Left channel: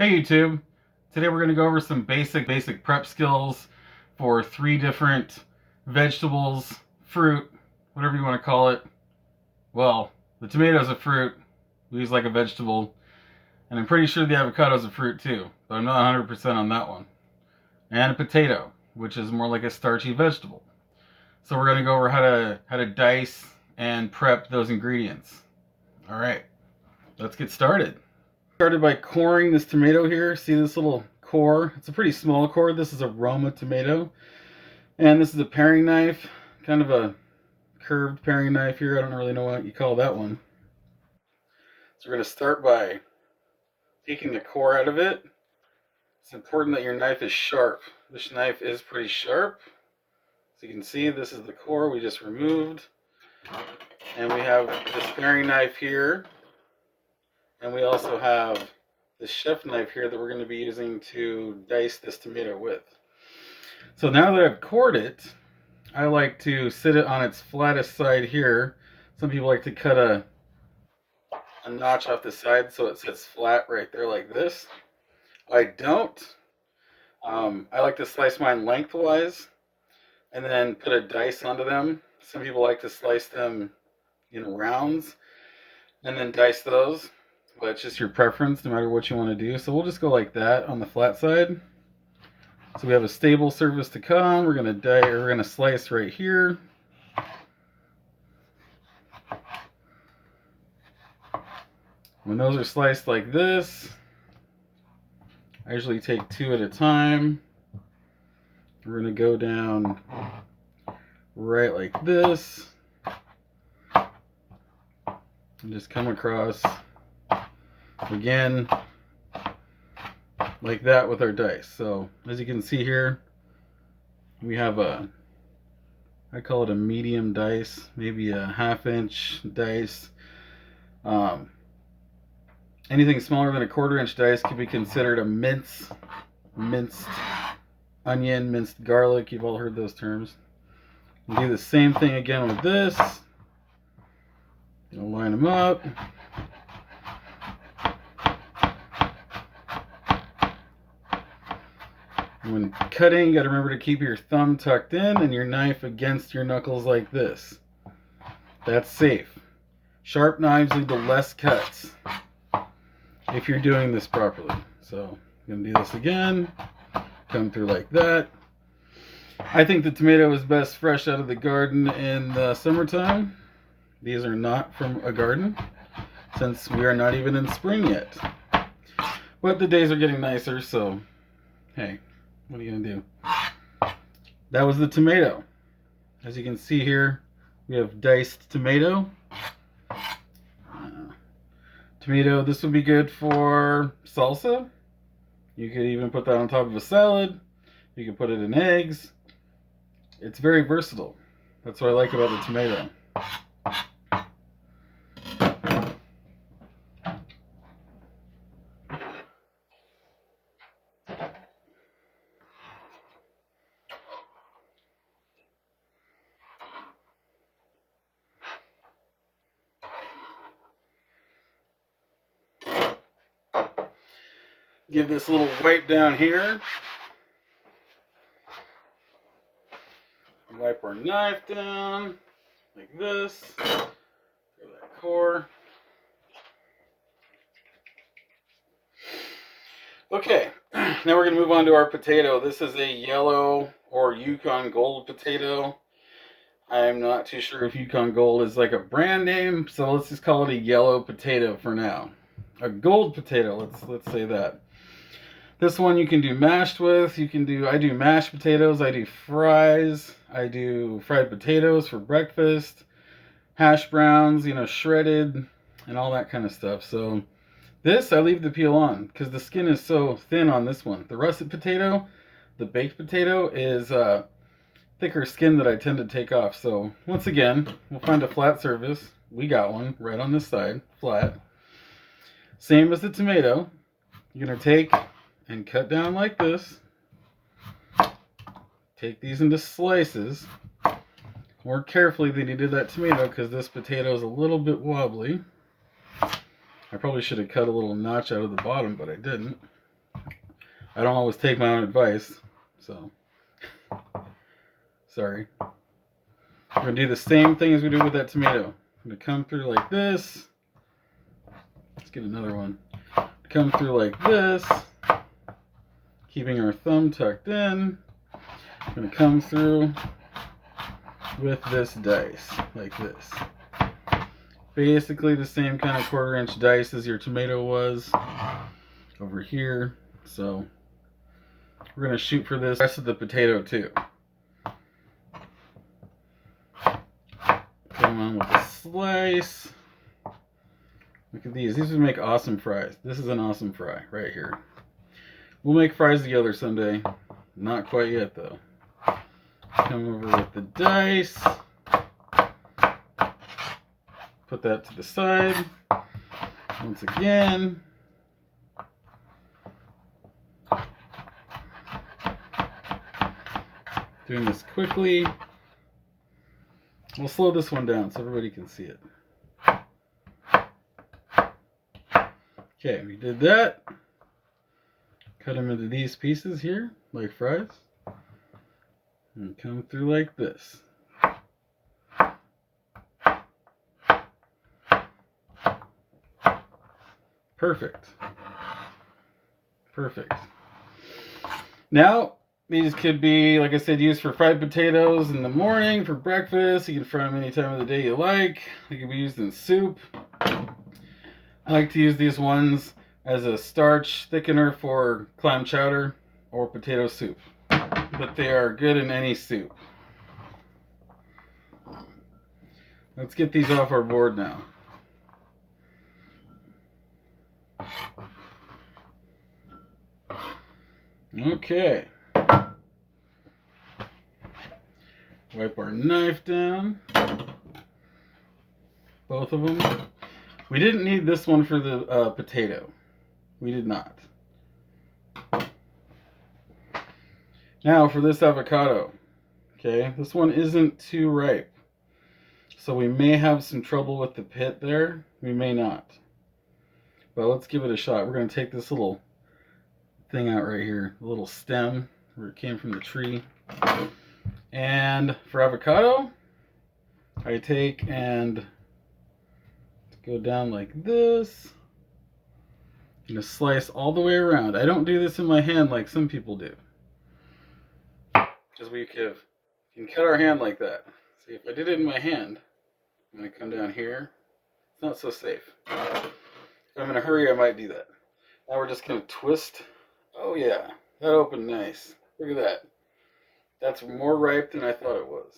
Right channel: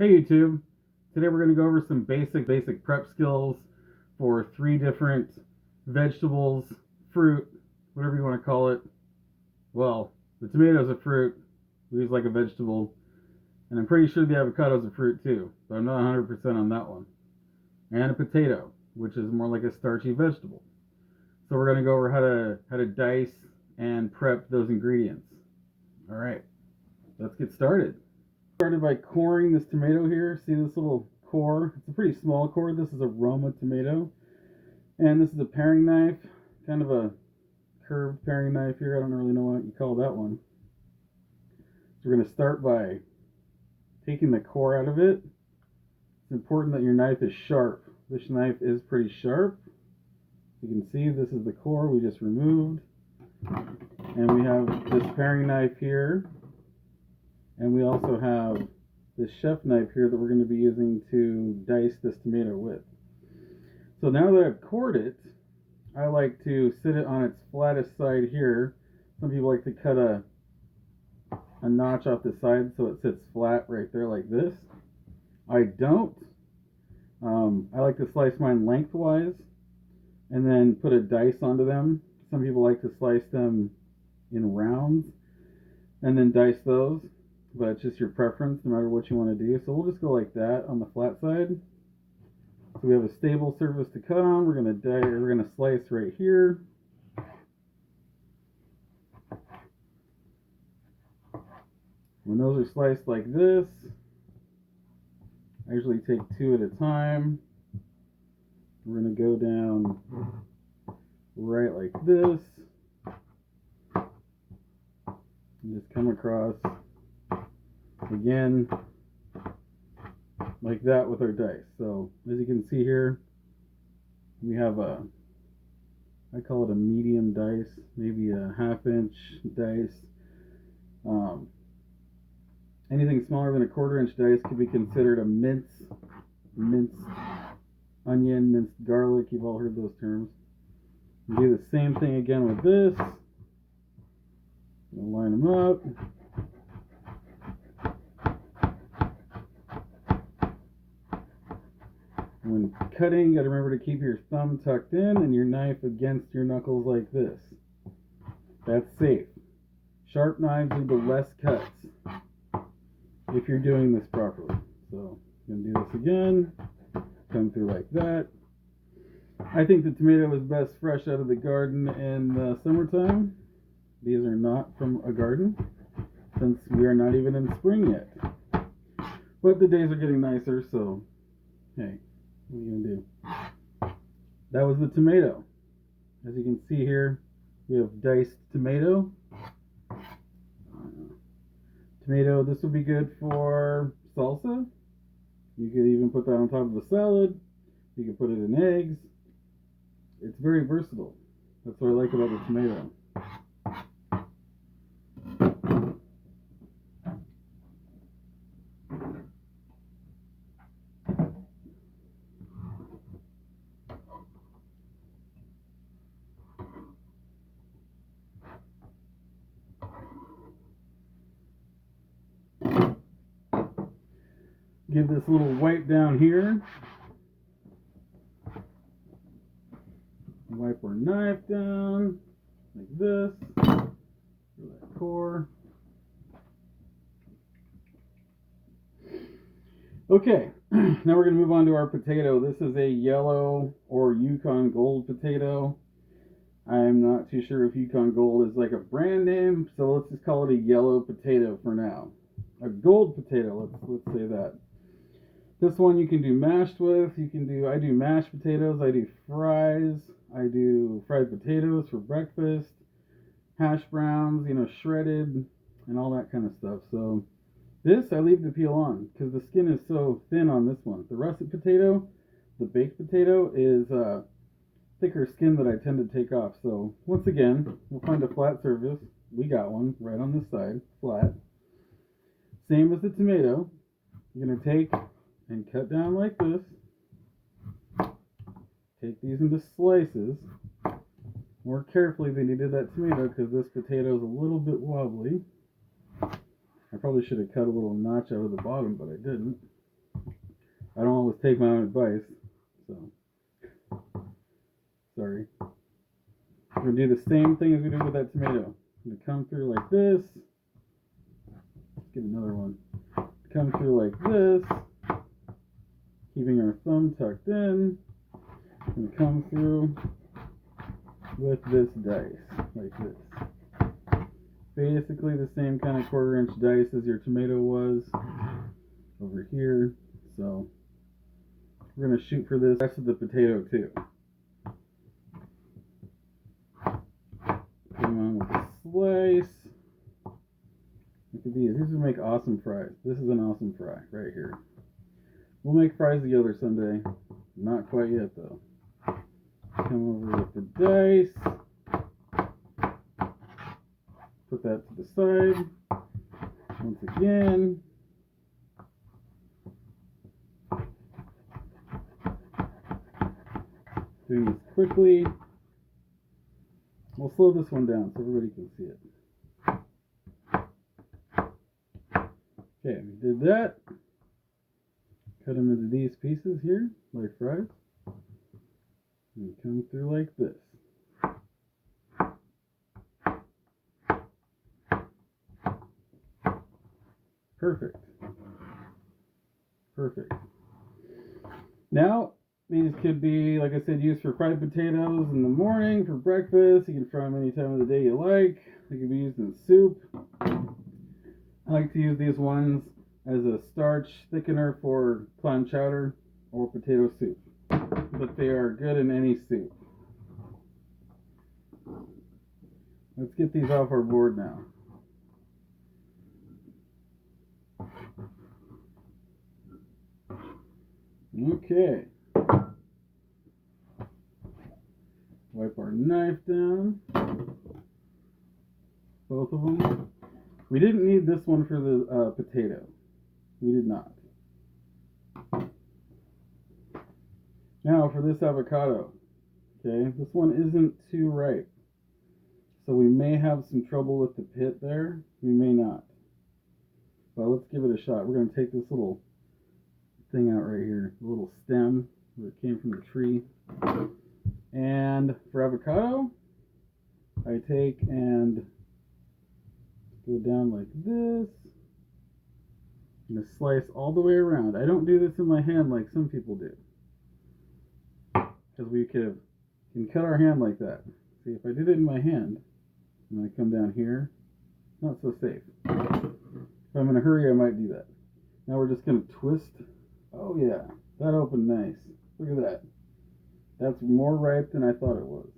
Hey YouTube, today we're going to go over some basic prep skills for 3 different vegetables, fruit, whatever you want to call it. Well, the tomato is a fruit, leaves like a vegetable, and I'm pretty sure the avocado is a fruit too, but I'm not 100% on that one. And a potato, which is more like a starchy vegetable. So we're going to go over how to dice and prep those ingredients. All right, let's get started. Started by coring this tomato here. See this little core? It's a pretty small core. This is a Roma tomato. And this is a paring knife, kind of a curved paring knife here. I don't really know what you call that one. So we're going to start by taking the core out of it. It's important that your knife is sharp. This knife is pretty sharp. So you can see this is the core we just removed. And we have this paring knife here. And we also have this chef knife here that we're going to be using to dice this tomato with. So now that I've cored it, I like to sit it on its flattest side here. Some people like to cut a notch off the side so it sits flat right there like this. I don't. I like to slice mine lengthwise and then put a dice onto them. Some people like to slice them in rounds and then dice those. But it's just your preference, no matter what you want to do. So we'll just go like that on the flat side. So we have a stable surface to cut on. We're gonna slice right here. When those are sliced like this, I usually take 2 at a time. We're gonna go down right like this, and just come across again like that with our dice. So as you can see here, we have I call it a medium dice, maybe a 1/2 inch dice. Anything smaller than a 1/4 inch dice could be considered a minced onion, minced garlic. You've all heard those terms. We'll do the same thing again with this. Gonna line them up. When cutting, you got to remember to keep your thumb tucked in and your knife against your knuckles like this. That's safe. Sharp knives lead to less cuts if you're doing this properly. So I'm going to do this again. Come through like that. I think the tomato is best fresh out of the garden in the summertime. These are not from a garden, since we are not even in spring yet. But the days are getting nicer, so hey. What are you gonna do? That was the tomato. As you can see here, we have diced tomato. Tomato, this would be good for salsa. You could even put that on top of a salad. You could put it in eggs. It's very versatile. That's what I like about the tomato. Give this a little wipe down here. Wipe our knife down like this. Through that core. Okay, now we're going to move on to our potato. This is a yellow or Yukon Gold potato. I'm not too sure if Yukon Gold is like a brand name, so let's just call it a yellow potato for now. A gold potato, let's say that. This one you can do mashed with. I do mashed potatoes, I do fries, I do fried potatoes for breakfast, hash browns, shredded, and all that kind of stuff. So this I leave the peel on because the skin is so thin on this one. The russet potato, the baked potato, is thicker skin that I tend to take off. So once again, we'll find a flat surface. We got one right on this side, flat. Same as the tomato. You're going to take and cut down like this. Take these into slices. More carefully than you did that tomato because this potato is a little bit wobbly. I probably should have cut a little notch out of the bottom, but I didn't. I don't always take my own advice, so sorry. We're going to do the same thing as we did with that tomato. I'm going to come through like this. Let's get another one. Come through like this, keeping our thumb tucked in. I'm going to come through with this dice, like this. Basically the same kind of 1/4 inch dice as your tomato was over here. So we're going to shoot for this rest of the potato too. Come on with a slice. Look at these. These would make awesome fries. This is an awesome fry right here. We'll make fries together someday. Not quite yet though. Come over with the dice. Put that to the side. Once again. Doing this quickly. We'll slow this one down so everybody can see it. Okay, we did that. Cut them into these pieces here, like fries. And come through like this. Perfect. Perfect. Now, these could be, like I said, used for fried potatoes in the morning, for breakfast. You can fry them any time of the day you like. They can be used in soup. I like to use these ones as a starch thickener for clam chowder or potato soup. But they are good in any soup. Let's get these off our board now. Okay. Wipe our knife down. Both of them. We didn't need this one for the potato. We did not. Now for this avocado. Okay, this one isn't too ripe. So we may have some trouble with the pit there. We may not. But let's give it a shot. We're going to take this little thing out right here. The little stem where it came from the tree. And for avocado, I take and go down like this. I'm going to slice all the way around. I don't do this in my hand like some people do. Because we can cut our hand like that. See, if I did it in my hand, I'm going to come down here. It's not so safe. If I'm in a hurry, I might do that. Now we're just going to twist. Oh yeah, that opened nice. Look at that. That's more ripe than I thought it was.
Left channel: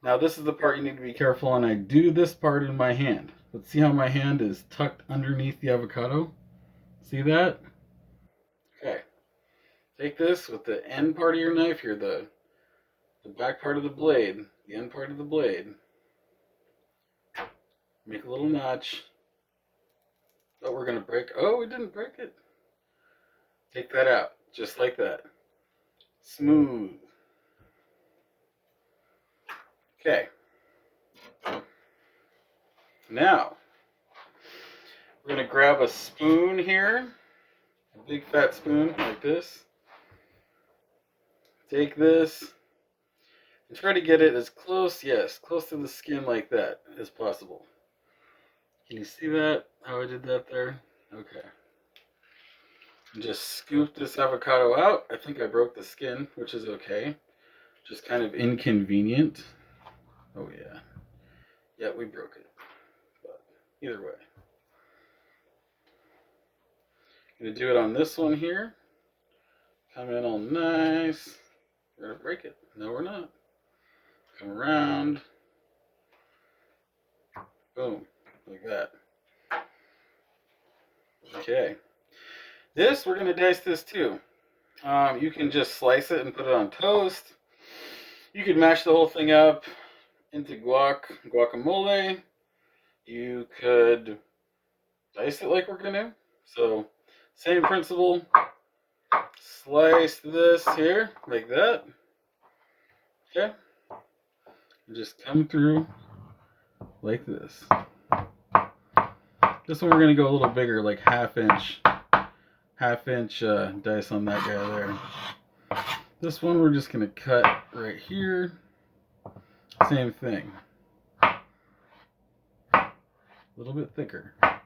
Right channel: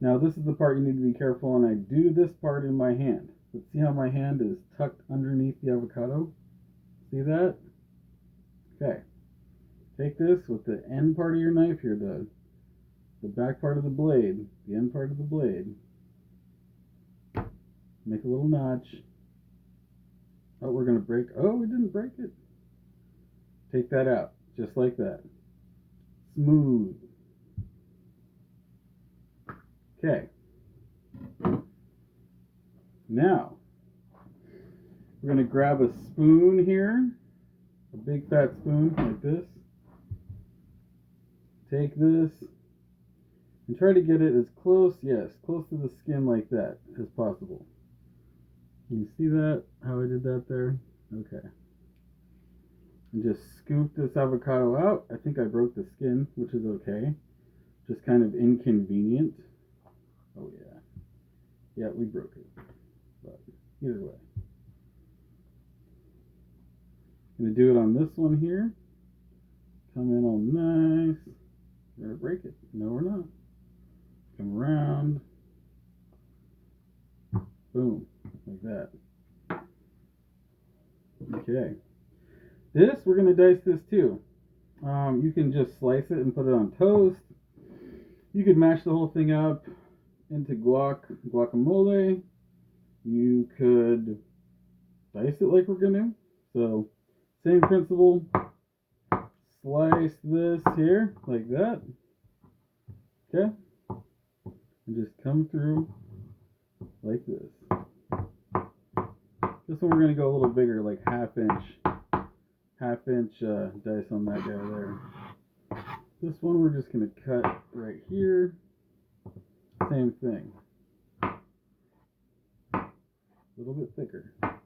Now this is the part you need to be careful on. I do this part in my hand. But see how my hand is tucked underneath the avocado? See that? Okay. Take this with the end part of your knife here, the back part of the blade, the end part of the blade. Make a little notch. Oh, we're going to break. Oh, we didn't break it. Take that out, just like that. Smooth. Okay. Now, we're going to grab a spoon here, a big fat spoon like this. Take this and try to get it as close, yes, close to the skin like that as possible. Can you see that, how I did that there? Okay. And just scoop this avocado out. I think I broke the skin, which is okay. Just kind of inconvenient. Oh yeah. Yeah, we broke it. But either way. I'm going to do it on this one here. Come in all nice. We're going to break it. No, we're not. Come around. Boom. Like that. Okay. This, we're going to dice this too. You can just slice it and put it on toast. You could mash the whole thing up into guacamole. You could dice it like we're going to. So, same principle. Slice this here, like that. Okay. And just come through like this. This one we're going to go a little bigger, like half 1/2 inch dice on that guy there. This one we're just going to cut right here. Same thing. A little bit thicker. A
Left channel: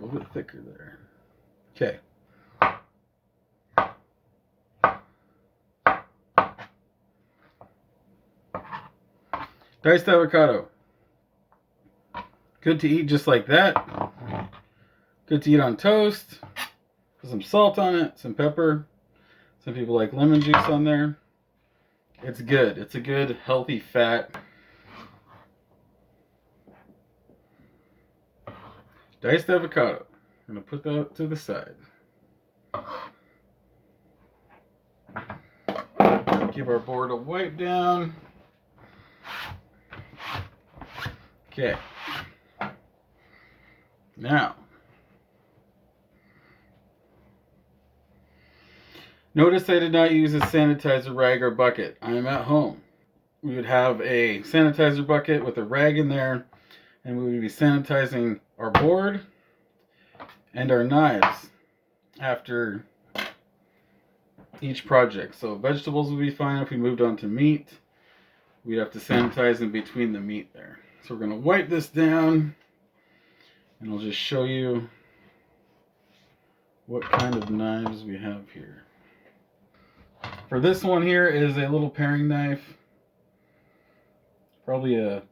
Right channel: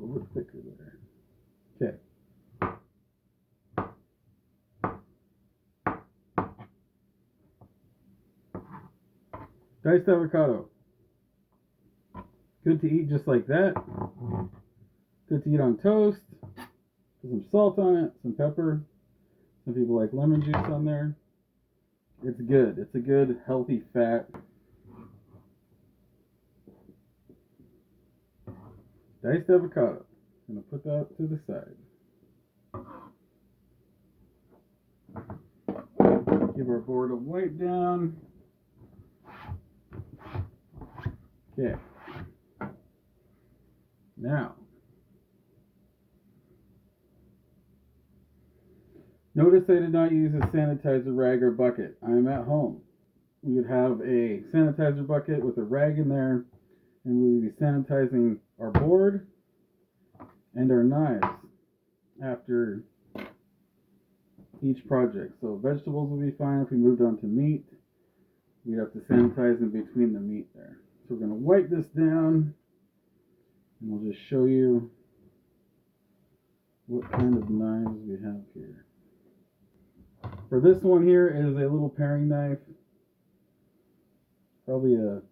little bit thicker there. Okay. Diced avocado. Good to eat just like that. Good to eat on toast. Put some salt on it, some pepper. Some people like lemon juice on there. It's good. It's a good, healthy fat. Diced avocado. I'm going to put that to the side. Give our board a wipe down. Okay. Now, notice I did not use a sanitizer rag or bucket. I am at home. We would have a sanitizer bucket with a rag in there, and we would be sanitizing our board and our knives after each project. So vegetables would be fine. If we moved on to meat, we'd have to sanitize in between the meat there. So we're going to wipe this down, and I'll just show you what kind of knives we have here. For this one here is a little paring knife. Probably a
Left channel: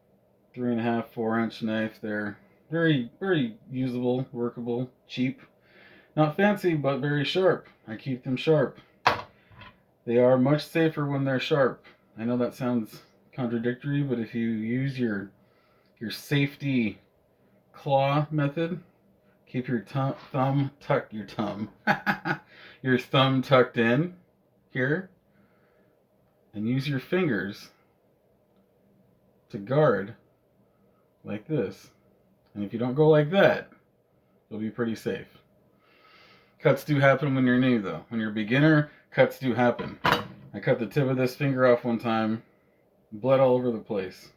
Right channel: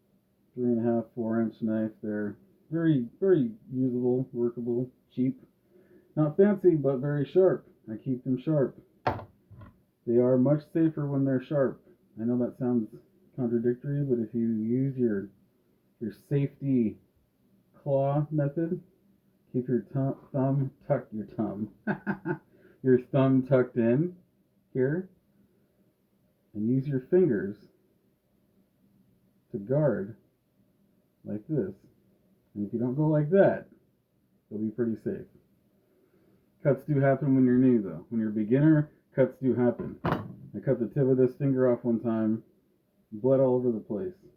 3.5, 4-inch knife there. Very, very usable, workable, cheap. Not fancy, but very sharp. I keep them sharp. They are much safer when they're sharp. I know that sounds contradictory, but if you use your safety claw method, keep your thumb tucked in here, and use your fingers to guard like this. And if you don't go like that, you'll be pretty safe. Cuts do happen when you're new though. When you're a beginner, cuts do happen. I cut the tip of this finger off one time, blood all over the place.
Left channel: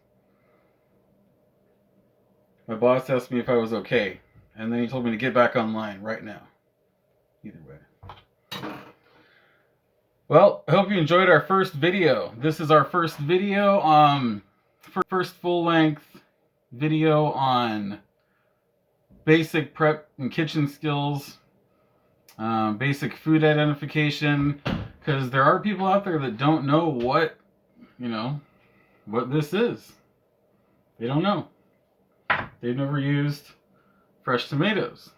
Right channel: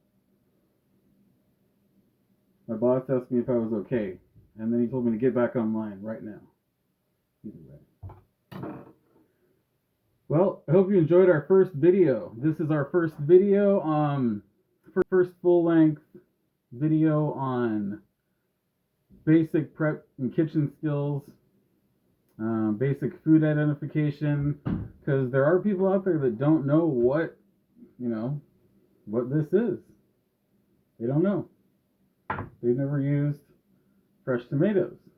My boss asked me if I was okay, and then he told me to get back online right now. Either way. Well, I hope you enjoyed our first video. This is our first video, first full-length video on basic prep and kitchen skills, basic food identification, because there are people out there that don't know what this is. They don't know. They've never used fresh tomatoes.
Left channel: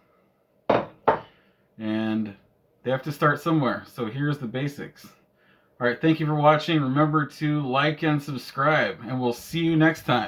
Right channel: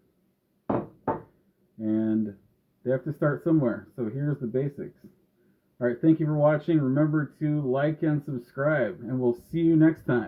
And they have to start somewhere. So here's the basics. All right, thank you for watching. Remember to like and subscribe, and we'll see you next time.